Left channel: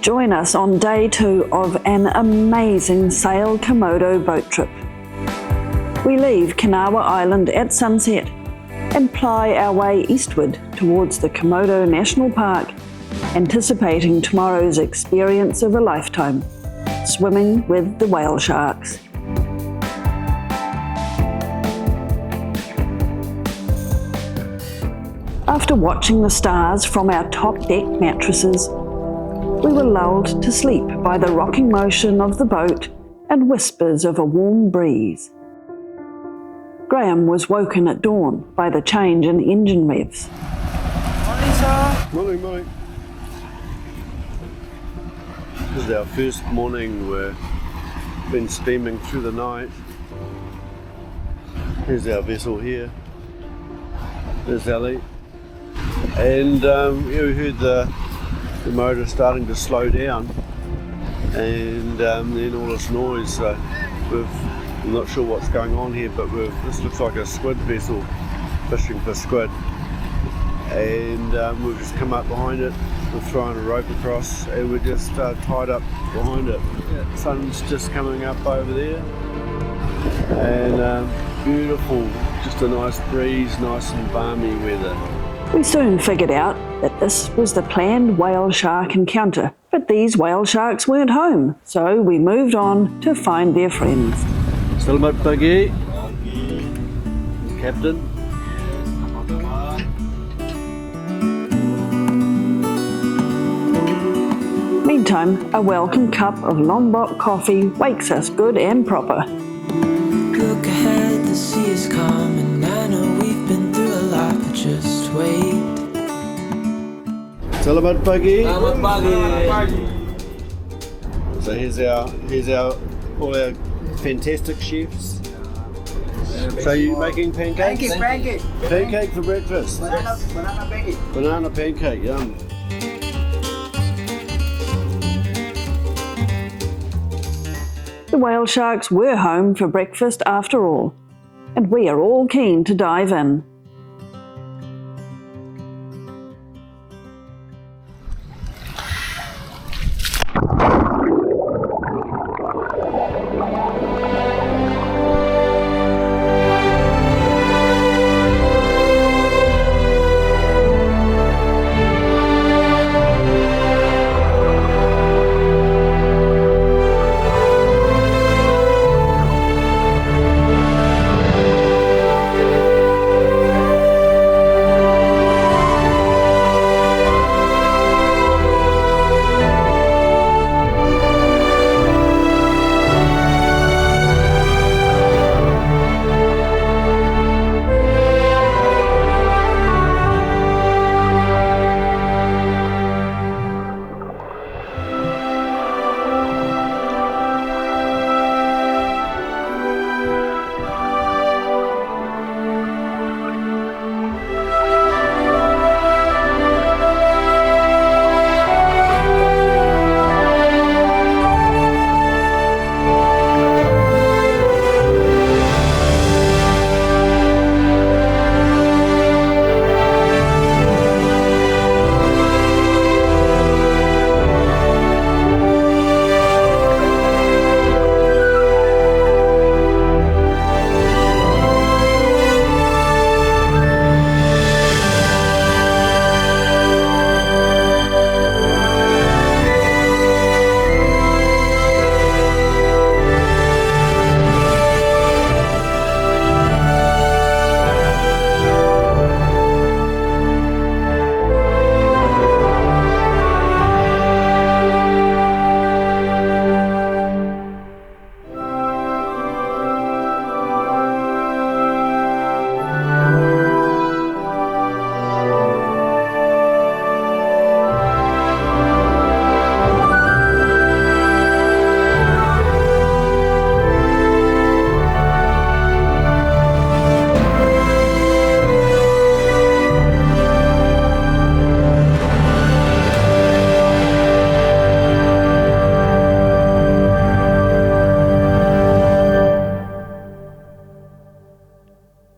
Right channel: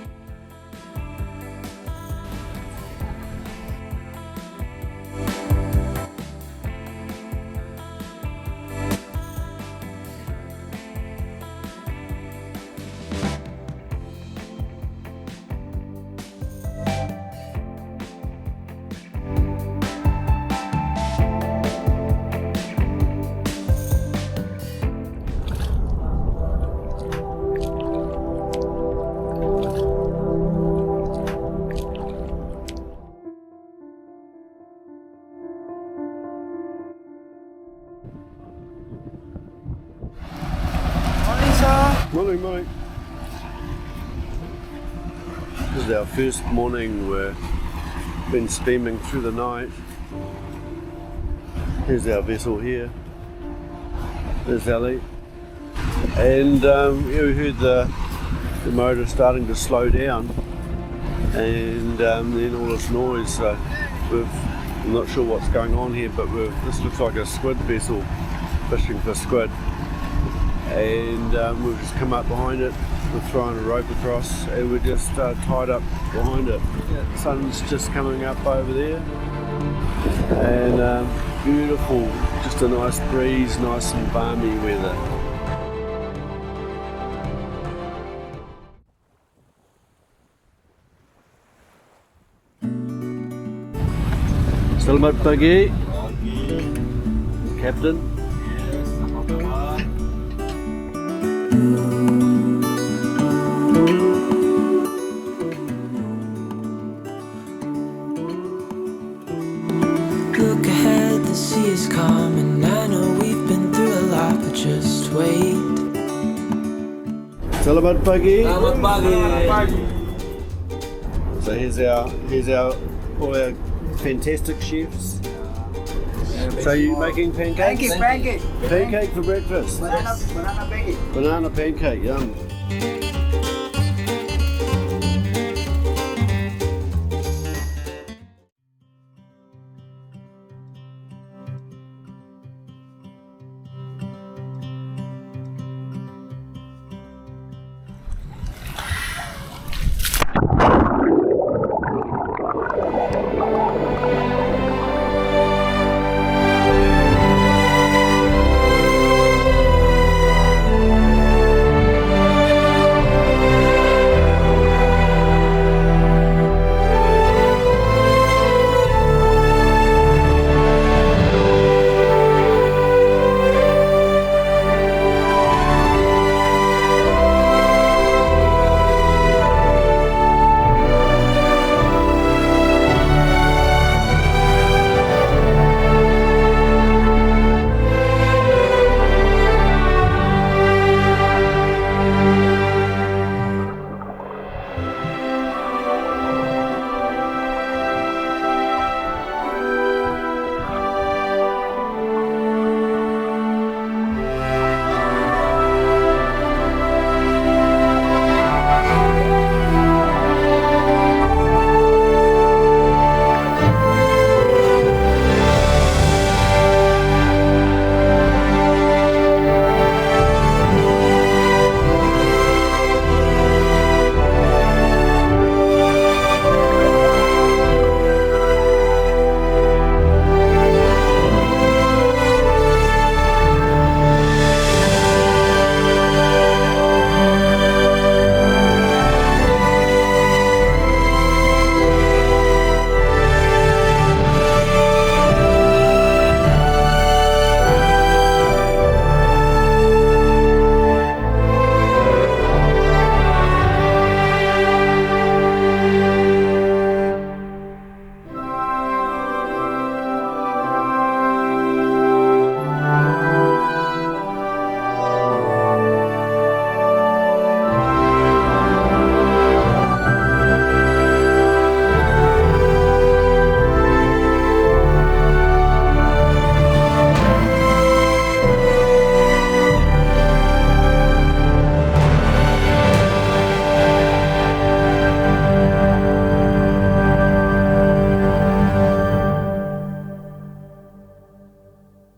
Join us on day 2 of an amazing Sail Komodo boat trip. We leave Kenawa Island at sunset and ply our way eastward towards the Komodo National Park, anticipating tomorrow's experience of a lifetime, swimming with the whale sharks. After watching the stars from our top deck mattresses, we were lulled to sleep by the rocking motion of the boat and whispers of a warm breeze. Graham was woken at dawn by the change in engine revs. Morning, sir. Morning. This is our first morning. We've been steaming through the night. Here's our vessel here. There's Ali. And we heard the motor starting to slow down, and then all this noise. So I'm not sure what's going on here, but this looks like a squid vessel fishing for squid, and we've just come up behind it. We're throwing a rope across, and we're just tied up behind it. The sun's just coming up over there, and beautiful, just a nice breeze, nice and balmy weather. We soon figured out that this was the planned whale shark encounter, but these whale sharks weren't home, so we moved on to find their friends. Selamat pagi, Captain. Meantime, a welcome cup of Lombok coffee wakes us good and proper. Look ahead, the sea is calm, and I know we've been through a lot, but just wait. Selamat pagi. Selamat pagi. So here's our all our fantastic chefs. So you making pancakes? Pancake. Pancake for breakfast. Banana pancake. Banana pancake, yum. The whale sharks were home for breakfast after all, and we are all keen to dive in.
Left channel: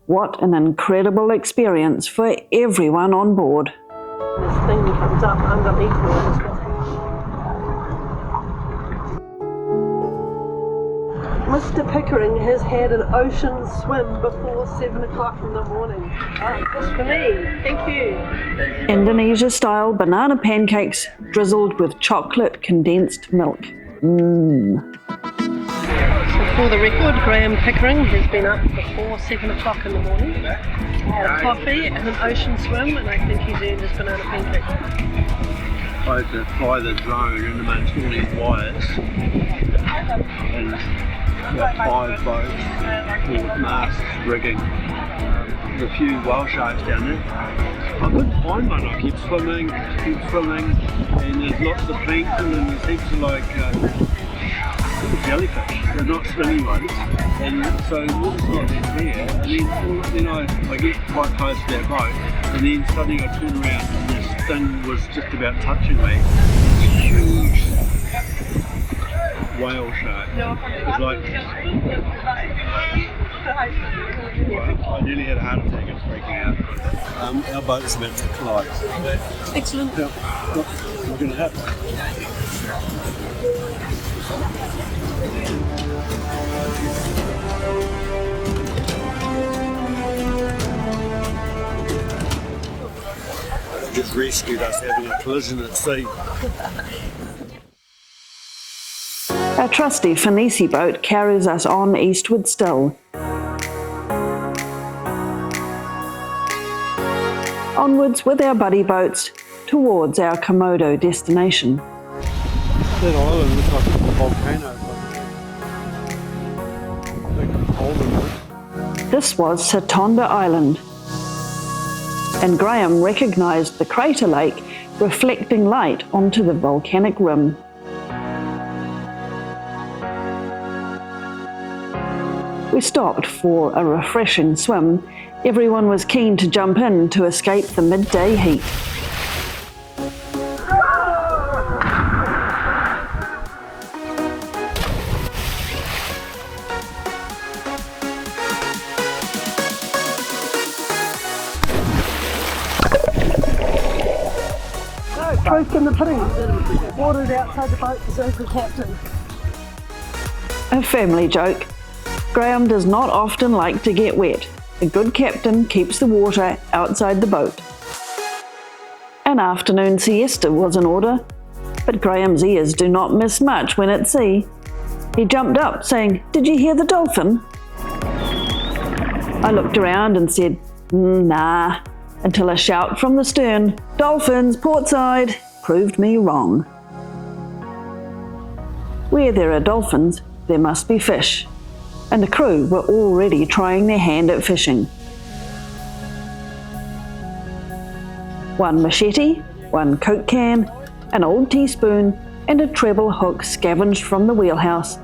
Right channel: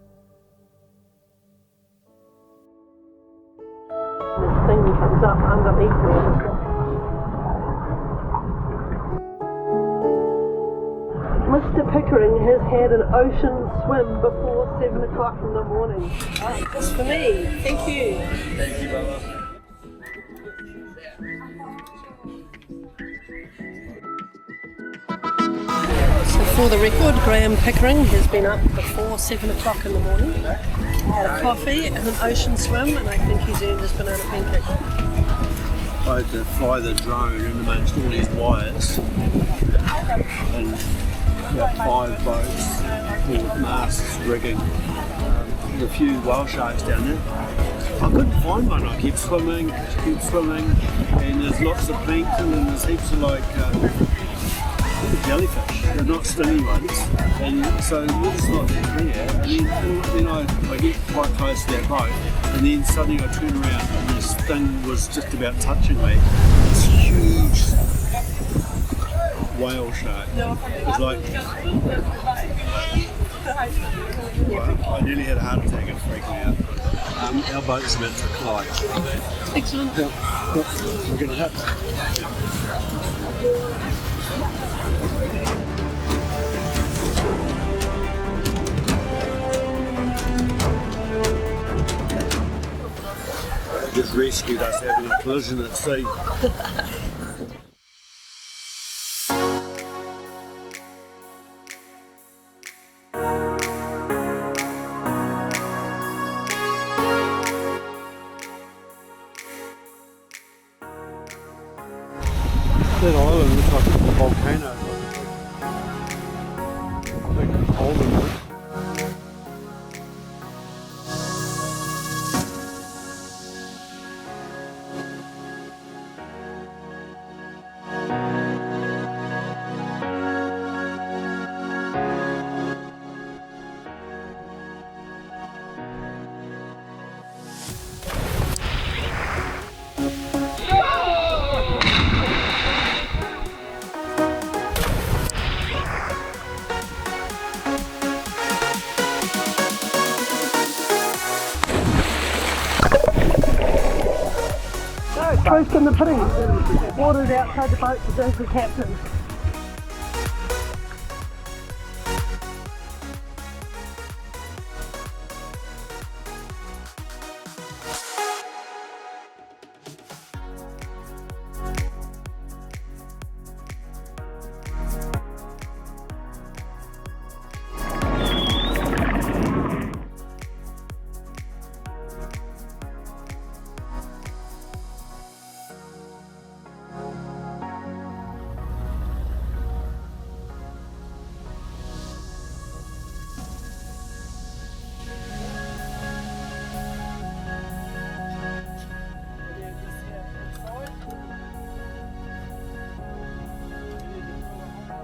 What an incredible experience for everyone on board. This thing comes up underneath me. Mr. Pickering has had an ocean swim before 7 o'clock in the morning. Just for me. Thank you. Indonesia-style banana pancakes drizzled with chocolate condensed milk. So for the record, Graham Pickering has been up before 7 o'clock in the morning, had a coffee and an ocean swim, and I think he's earned his banana pancake. I had to fly the drone in amongst all these wires and about 5 boats with masts rigging. There's a few whale sharks down there. I couldn't find one. I keep swimming, and there's lots of plankton and there's heaps of jellyfish. They're not stingy ones, and so it's not that clear. And then I get quite close to that boat, and then suddenly I turn around and this thing was just about touching me. This huge whale shark. It was like, I nearly had a heart attack and freaking out. Our boat's about to collide. Excellent. Yep. We're going to hit. This rescued us having a collision at sea. Our trusty Finisi boat carries us on eastward still. Onwards with our buddy boats towards our Komodo destination. That island looks like a volcano. Like a hole in it. This was Satonda Island, and Graham recognised the crater lake reflecting light onto the volcanic rim. We stopped for a refreshing swim. Everyone was keen to jump in to escape the midday heat. Proof in the pudding. Water's outside the boat, says the captain. A family joke. Graham does not often like to get wet. A good captain keeps the water outside the boat. An afternoon siesta was in order, but Graham's ears do not miss much when at sea. He jumped up saying, "Did you hear the dolphin?" I looked around and said, "Nah," until a shout from the stern, "Dolphins, portside," proved me wrong. Where there are dolphins, there must be fish, and the crew were already trying their hand at fishing. One machete, one Coke can, an old teaspoon, and a treble hook scavenged from the wheelhouse,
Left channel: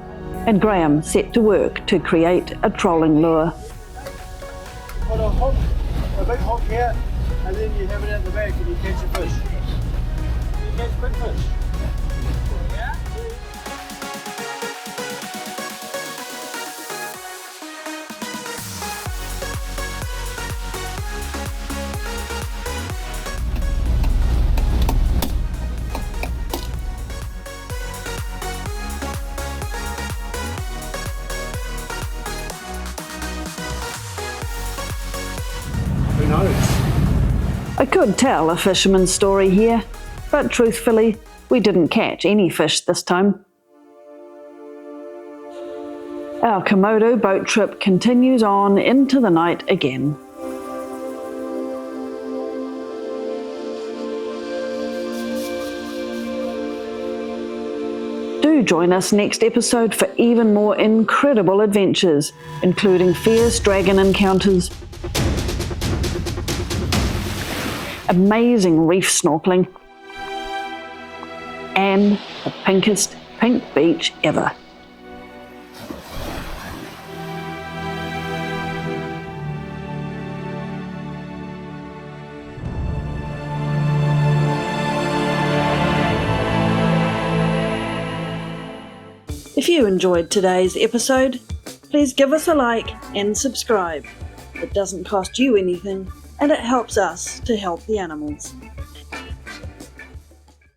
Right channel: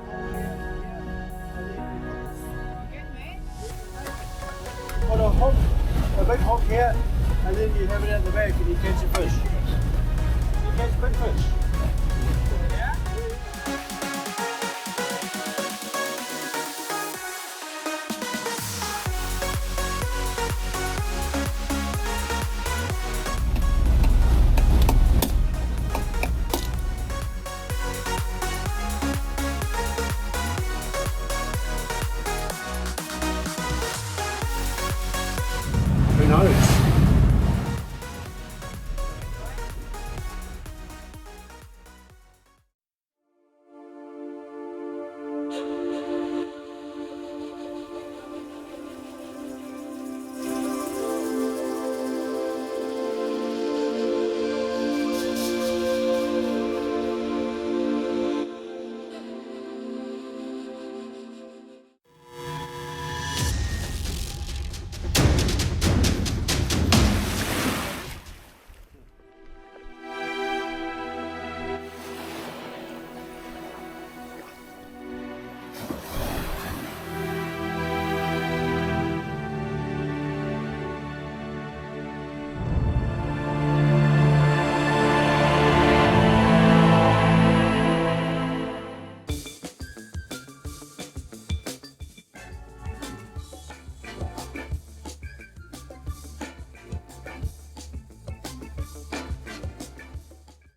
and Graham set to work to create a trolling lure. Put a hook, a big hook here, and then you have it at the back and you catch a fish. You catch big fish. Yeah? Who knows? I could tell a fisherman's story here, but truthfully, we didn't catch any fish this time. Our Komodo boat trip continues on into the night again. Do join us next episode for even more incredible adventures, including fierce dragon encounters, amazing reef snorkeling, and the pinkest pink beach ever. If you enjoyed today's episode, please give us a like and subscribe. It doesn't cost you anything, and it helps us to help the animals.